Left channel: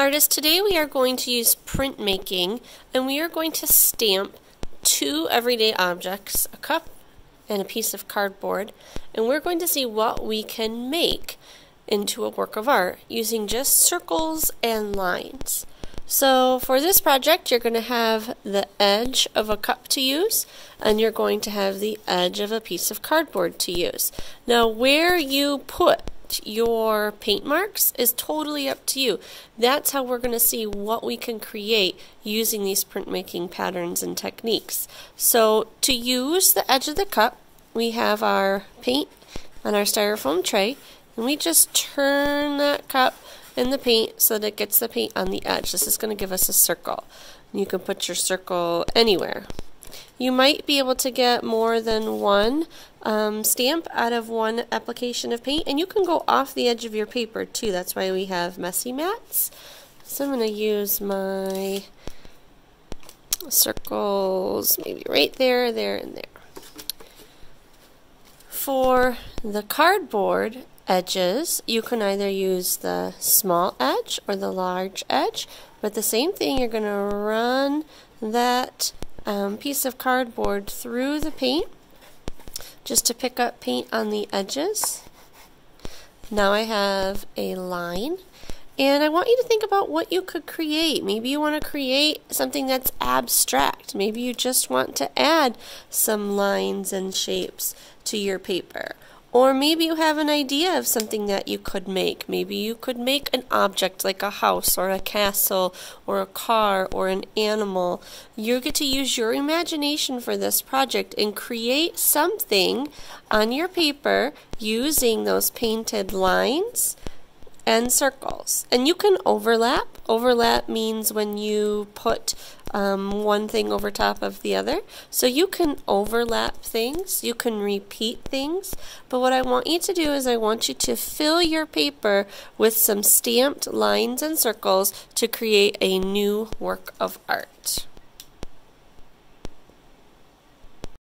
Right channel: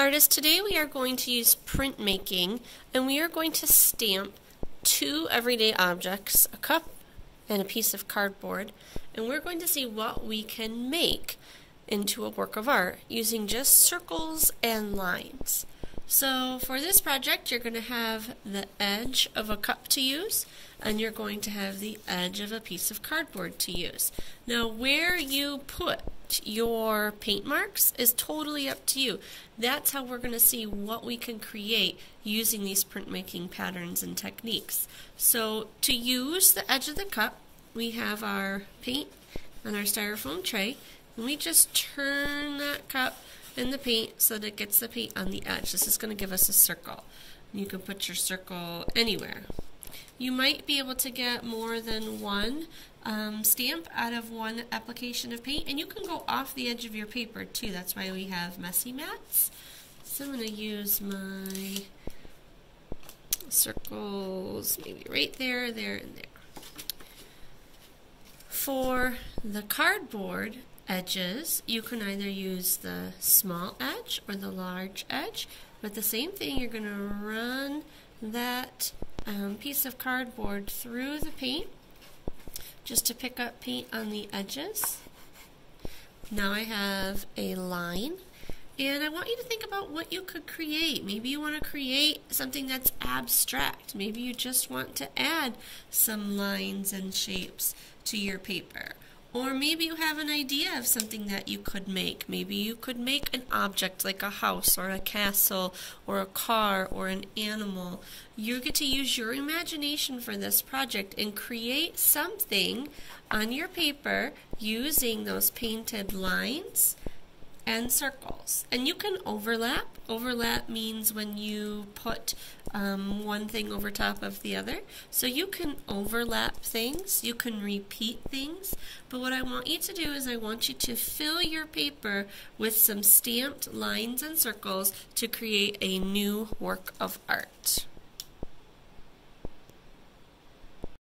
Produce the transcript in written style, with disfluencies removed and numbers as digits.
Artists, today we are going to use printmaking, and we are going to stamp two everyday objects, a cup and a piece of cardboard, and we're going to see what we can make into a work of art using just circles and lines. So for this project, you're going to have the edge of a cup to use, and you're going to have the edge of a piece of cardboard to use. Now where you put your paint marks is totally up to you. That's how we're going to see what we can create using these printmaking patterns and techniques. So to use the edge of the cup, we have our paint on our styrofoam tray, and we just turn that cup and the paint so that it gets the paint on the edge. This is going to give us a circle. You can put your circle anywhere. You might be able to get more than one stamp out of one application of paint, and you can go off the edge of your paper too. That's why we have messy mats. So I'm going to use my circles maybe right there, there, and there. For the cardboard edges, you can either use the small edge or the large edge, but the same thing, you're going to run that piece of cardboard through the paint just to pick up paint on the edges. Now I have a line, and I want you to think about what you could create. Maybe you want to create something that's abstract. Maybe you just want to add some lines and shapes to your paper. Or maybe you have an idea of something that you could make. Maybe you could make an object like a house or a castle or a car or an animal. You get to use your imagination for this project and create something on your paper using those painted lines and circles. And you can overlap. Overlap means when you put one thing over top of the other. So you can overlap things, you can repeat things, but what I want you to do is I want you to fill your paper with some stamped lines and circles to create a new work of art.